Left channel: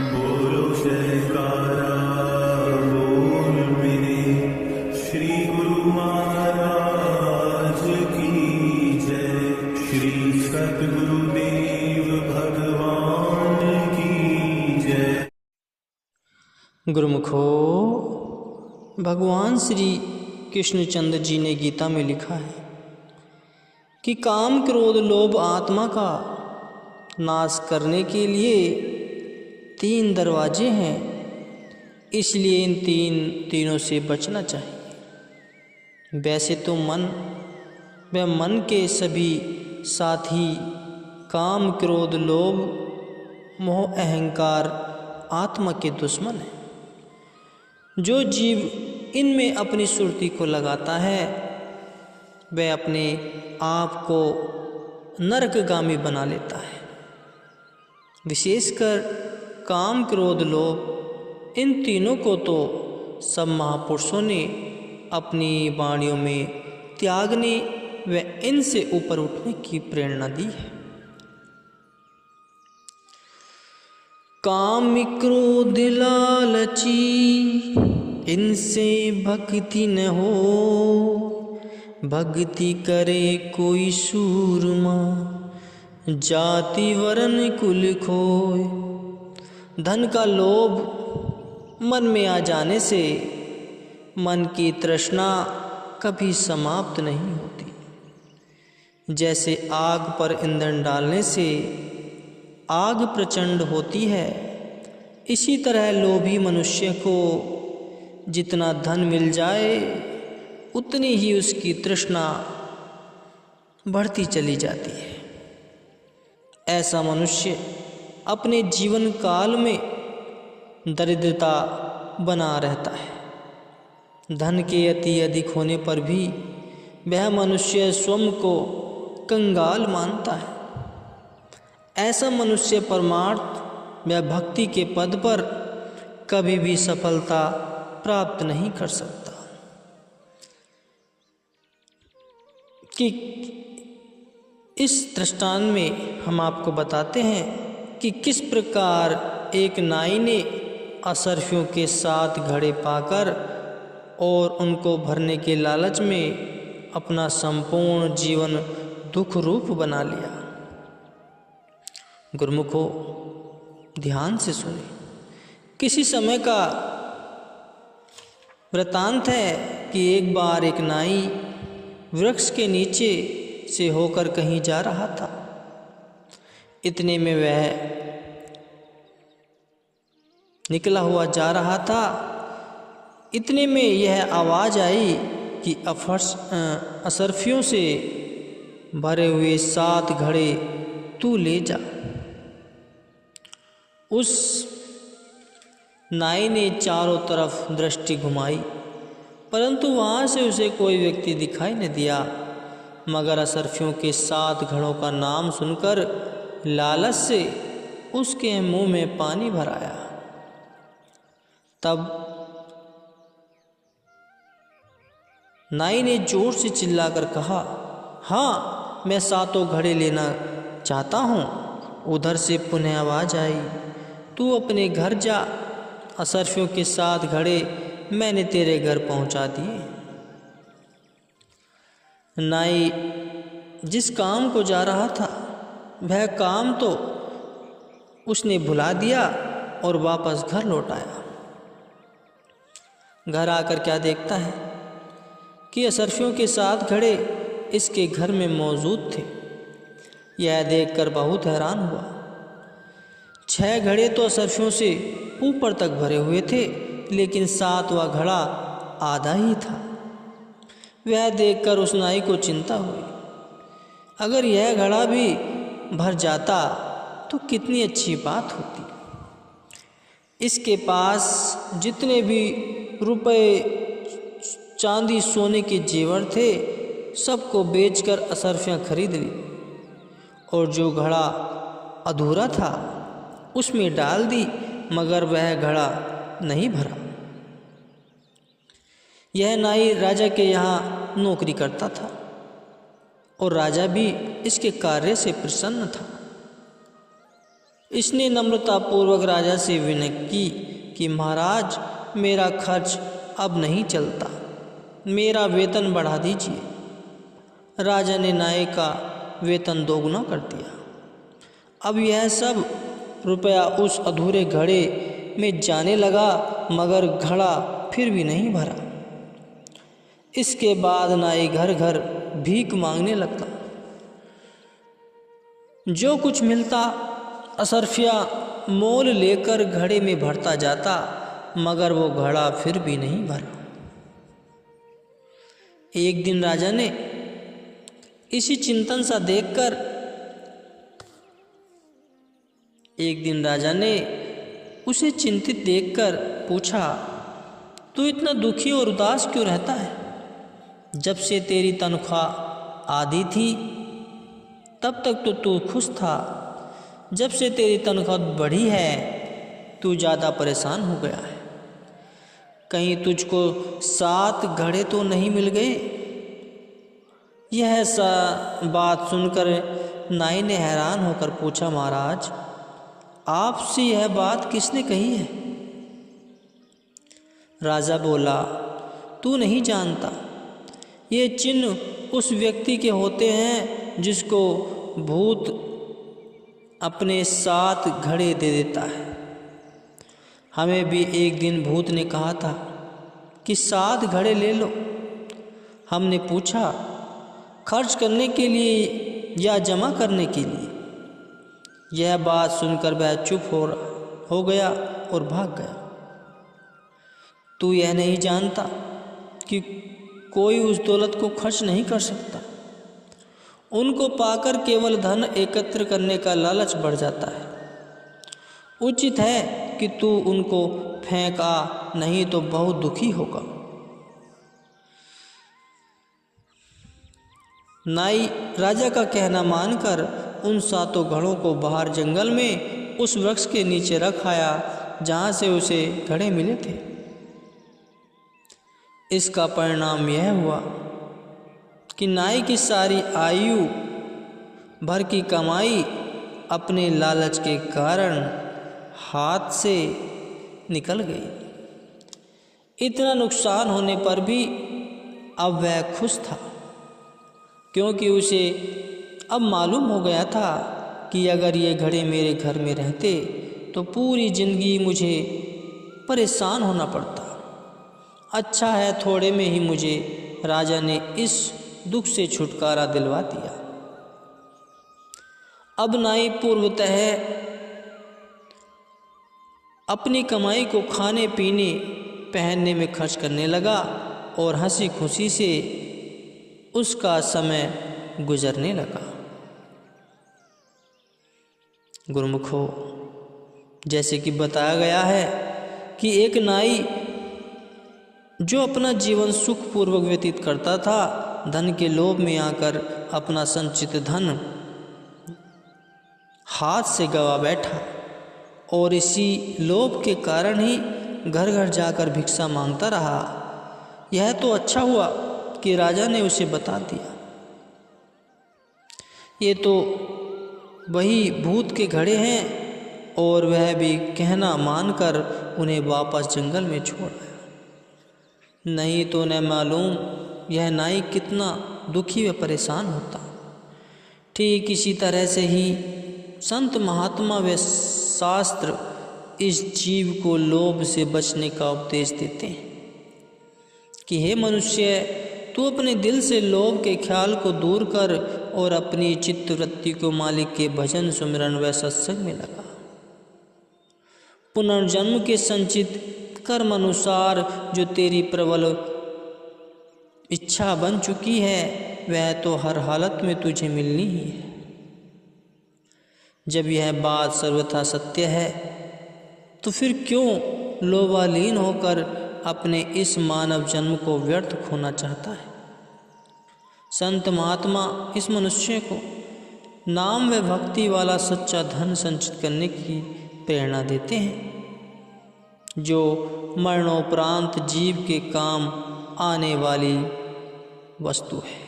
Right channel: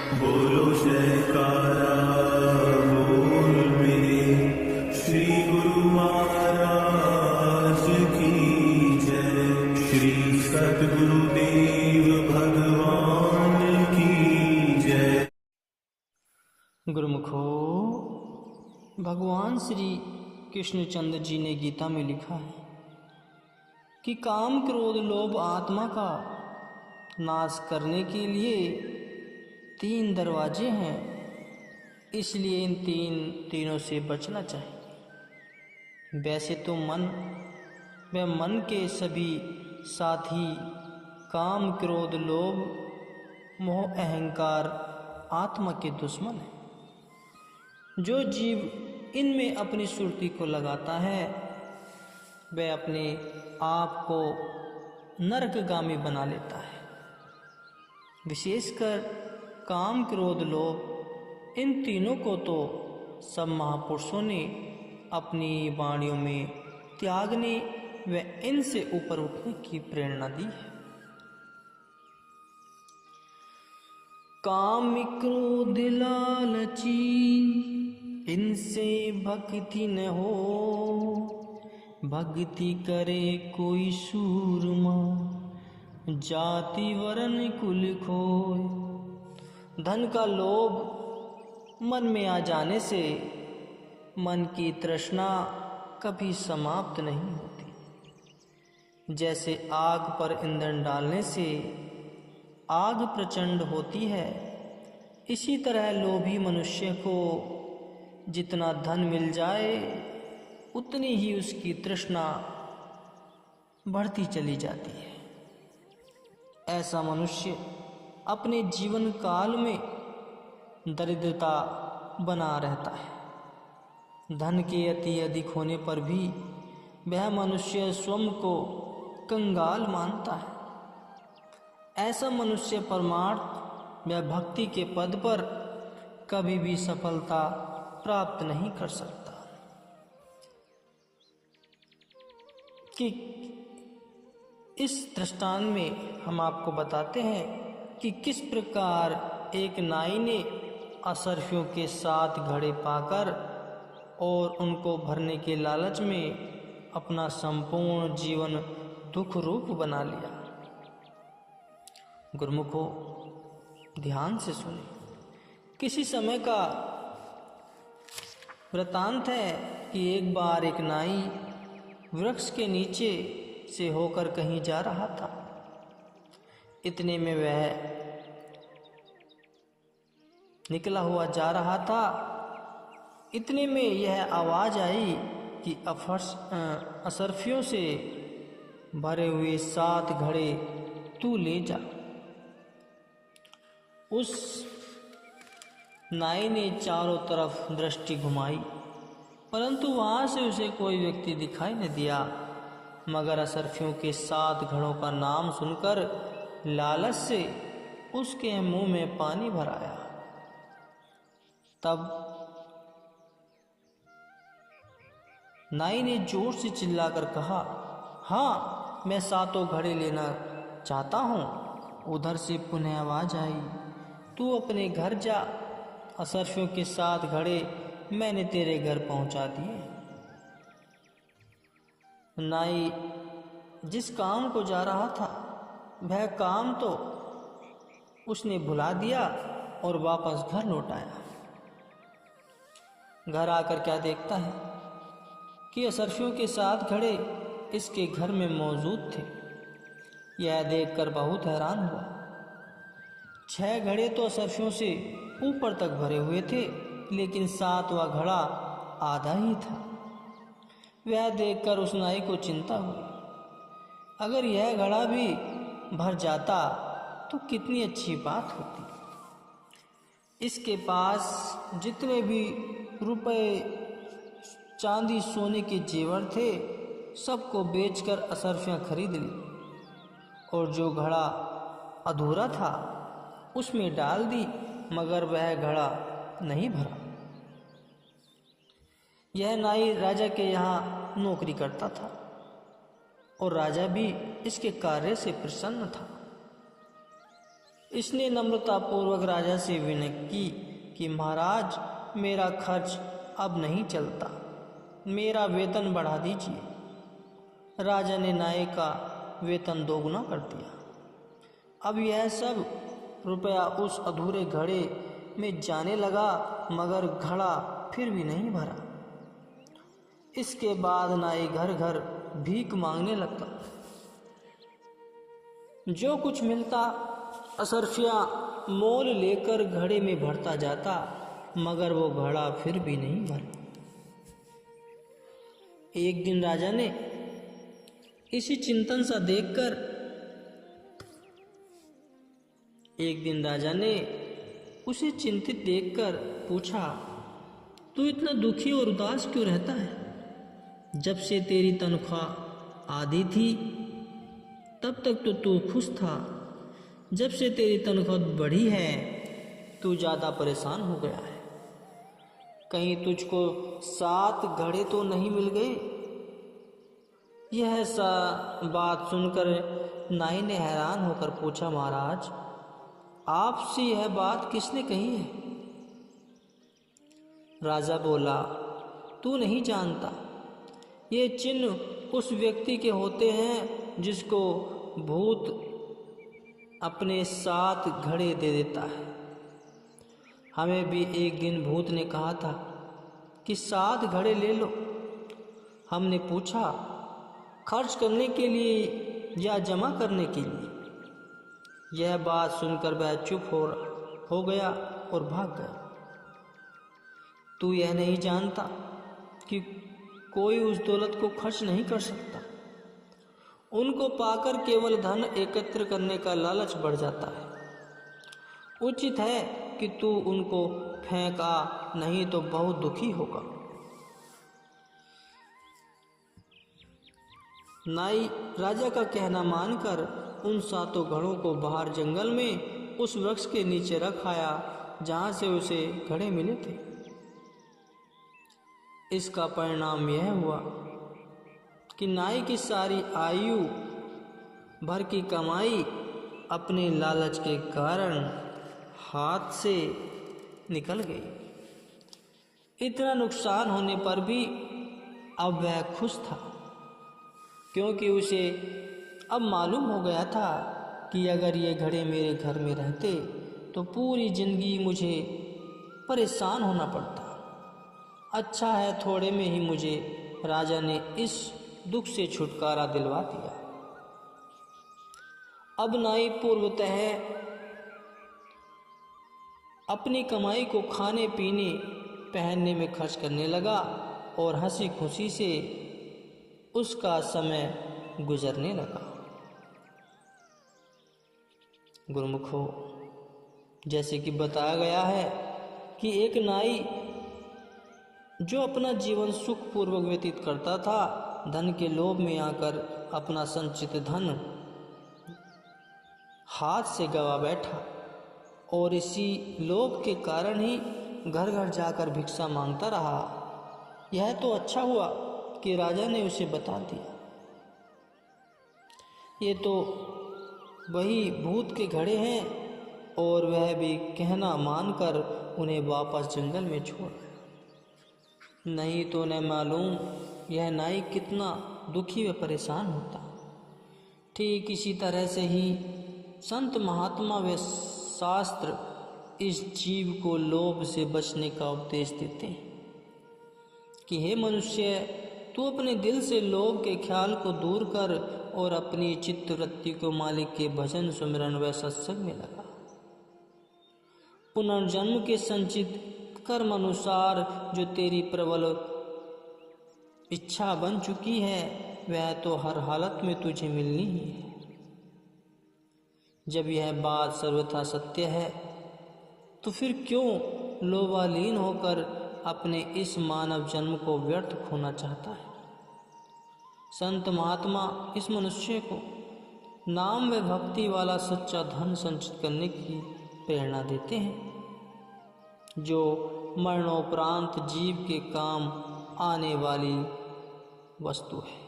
बोलो जयकारा बोल मेरे श्री गुरु महाराज की जय। श्री सद्गुरुदेव भगवान की जय। गुरुमुखो, भगवान श्री कृष्णचंद्र जी ने गीता में लिखा है कि काम क्रोध लोभ आत्मा का नाश करने के लिए 3 दरवाजे हैं, इसलिए इन तीनों से बचना चाहिए। वैसे तो मन व मन के सभी साथी काम क्रोध लोभ मोह अहंकार आत्मा के दुश्मन हैं। जो जीव इनमें अपनी सुरती को लगाता है वह अपने आप को नरकगामी बना लेता है। विशेषकर काम क्रोध लोभ, इन तीनों को तो सब महापुरुषों ने अपनी वाणियों में त्यागने व इनसे ऊपर उठने की प्रेरणा दी है। काम क्रोध लालची इनसे भक्ति न हो, भक्ति करे कोई सूरमा, जाति वरण कुल खोए। धन का लोभ मन में आ जाने से मन की तृष्णा कभी समाप्त नहीं होती। जैसे आग पर ईंधन डालने से आग प्रचंड होती है, इसी तरह लोभी मनुष्य को जितना धन मिल जाए उतनी ही उसकी तृष्णा बढ़ती चली जाती है। ऐसा मनुष्य अपने जीवन काल में दरिद्रता बना रहता है। धन के अति अधिक होने पर भी वह मनुष्य स्वयं को कंगाल मानता है। ऐसा मनुष्य परमार्थ व भक्ति के पद पर कभी भी सफलता प्राप्त नहीं कर सकता। कि इस दृष्टांत में हम आपको बताते हैं कि किस प्रकार एक नाई ने असरफियों के 7 घड़े पाकर और उनको भरने के लालच में अपना संपूर्ण जीवन दुख रूप बना लिया। गुरुमुखो, ध्यान से सुने। किसी समय का वृतांत है कि एक बार एक नाई वृक्ष के नीचे से होकर कहीं जा रहा था। इतने में वह निकला हुआ जा रहा था। इतने में यह आवाज़ आई कि असरफियों से भरे हुए 7 घड़े तू ले जा। उस नाई ने चारों तरफ दृष्टि घुमाई, परंतु वहाँ से उसे कोई व्यक्ति दिखाई न दिया। मगर असरफियों के 7 घड़ों का नाम सुनकर लालच से उसके मुंह में पानी भर आया। तब नाई ने जोर से चिल्लाकर कहा, हाँ, मैं 7 घड़े लेना चाहता हूँ। उधर से पुनः आवाज़ आई, तू अपने घर जा, असरफियों के 7 घड़े मैंने तेरे घर पहुँचा दिए। नाई जिस काम को जा रहा था वह काम तो उसने भुला दिया और वापस घर लौट आया। घर आकर क्या देखता है कि असरफियों के 7 घड़े इसके घर में मौजूद थे। यह देखकर बहुत हैरान हुआ। 6 घड़े तो असरफियों से ऊपर तक भरे हुए थे, लेकिन 7वां घड़ा आधा ही था। वह देखकर उस नाई को चिंता हुई। अगर यह घड़ा भी भर जाता तो कितनी अच्छी बात होती। इसके पास जितने भी रुपए चांदी सोने के जेवर थे सबको बेचकर असरफियाँ खरीद ली और जो घड़ा अधूरा था उसमें डाल दी, मगर वह घड़ा नहीं भरा। यह नाई राजा के यहाँ नौकरी करता था और राजा भी इसके कार्य से प्रसन्न था। इसने नम्रतापूर्वक राजा से विनय की कि महाराज, मेरा खर्च अब नहीं चलता, मेरा वेतन बढ़ा दीजिए। राजा ने नाई का वेतन दोगुना कर दिया। अब यह सब रुपया उस अधूरे घड़े में जाने लगा, मगर घड़ा फिर भी नहीं भरा। इसके बाद नाई घर घर भीख मांगने लगता। जो कुछ मिलता असरफिया मोल लेकर घड़े में भरता जाता, मगर वो घड़ा फिर भी नहीं भरा। एक दिन राजा ने इसी चिंतन सा देखकर उसे चिंतित देखकर पूछा, तू इतना दुखी और उदास क्यों रहता है? जब से तेरी तनख्वाह आधी थी तब तक तो तू खुश था, जब से तेरी तनख्वाह बढ़ी है तू ज़्यादा परेशान हो गया है। कहीं तुझको 7 घड़े तो नहीं मिल गए? यह बात सुनकर नाई ने हैरान होकर पूछा, महाराज, आपसे यह बात किसने कही है? राजा बोला, तू नहीं जानता, ये चिन्ह उस व्यक्ति के होते हैं जिसको भूत अपने 7 घड़े दे देता है। हमें भी एक दिन भूत ने कहा था कि 7 घड़े ले लो। हमने पूछा, खर्च करने के लिए या जमा करने के लिए? यह बात सुनकर वह चुप हो गया और भाग गया। तू यह नहीं जानता कि कोई उस दौलत को खर्च नहीं कर सकता। उनको पाकर केवल धन एकत्र करने का लालच बढ़ जाता है। उचित है कि तू उनको फेंका, नहीं तो बहुत दुखी होगा। नाई राजा का कहना मानकर उन 7 घड़ों को बाहर जंगल में उस वृक्ष के नीचे रख आया जहाँ से उसे घड़े मिले थे। इसका परिणाम यह हुआ कि नाई की सारी आयु भर की कमाई अपने लालच के कारण हाथ से निकल गई। इतना नुकसान होने पर भी अब वह खुश था, क्योंकि उसे अब मालूम हो गया था कि अगर ये घड़े मेरे घर में रहते तो पूरी जिंदगी मुझे परेशान होना पड़ता। अच्छा है, थोड़े में ही मुझे राजा ने इस दुख से छुटकारा दिलवा दिया। अब नाई पूर्वतः अपनी कमाई को खाने पीने पहनने में खर्च करने लगा और हंसी खुशी से उसका समय गुजरने लगा। गुरुमुखों, जैसे कि बताया गया है कि एक नाई जो अपना जीवन सुखपूर्वक व्यतीत करता था, धन के लोभ में आकर अपना संचित धन हाथ से गवा बैठा और इसी लोभ के कारण ही घर घर जाकर भिक्षा मांगता रहा। यह तो अच्छा हुआ कि राजा ने उसे बता दिया। ये तो वही भूत के घड़े हैं, और वह भी कहना मानकर उन्हें वापस जंगल में छोड़ आया। नहीं तो न मालूम यह नाई कितना दुखी व परेशान होता। ठीक इसी तरह से ही संत महात्मा व शास्त्र इस जीव को लोभ से बचने का उपदेश देते हैं कि हे मनुष्य, तू अपने दिल से लोभ के ख्याल को दूर कर और अपनी चित्तवृत्ति को मालिक के भजन सुमिरन व सत्संग में लगा। पुनर्जन्म के संचित कर्म अनुसार जो तेरी प्रबल इच्छा बन चुकी है, वह तो हर हालत में तुझे मिलनी ही है। जब यह बात सर्वथा सत्य है तो फिर क्यों लोभालीन होकर अपने इस मानव जन्म को व्यर्थ खोना चाहता है। संत महात्मा इस मनुष्य को नाम व भक्ति वाला सच्चा धन संचित करने की प्रेरणा देते हैं, जो मरणोपरांत जीव के काम आने वाली वस्तु है।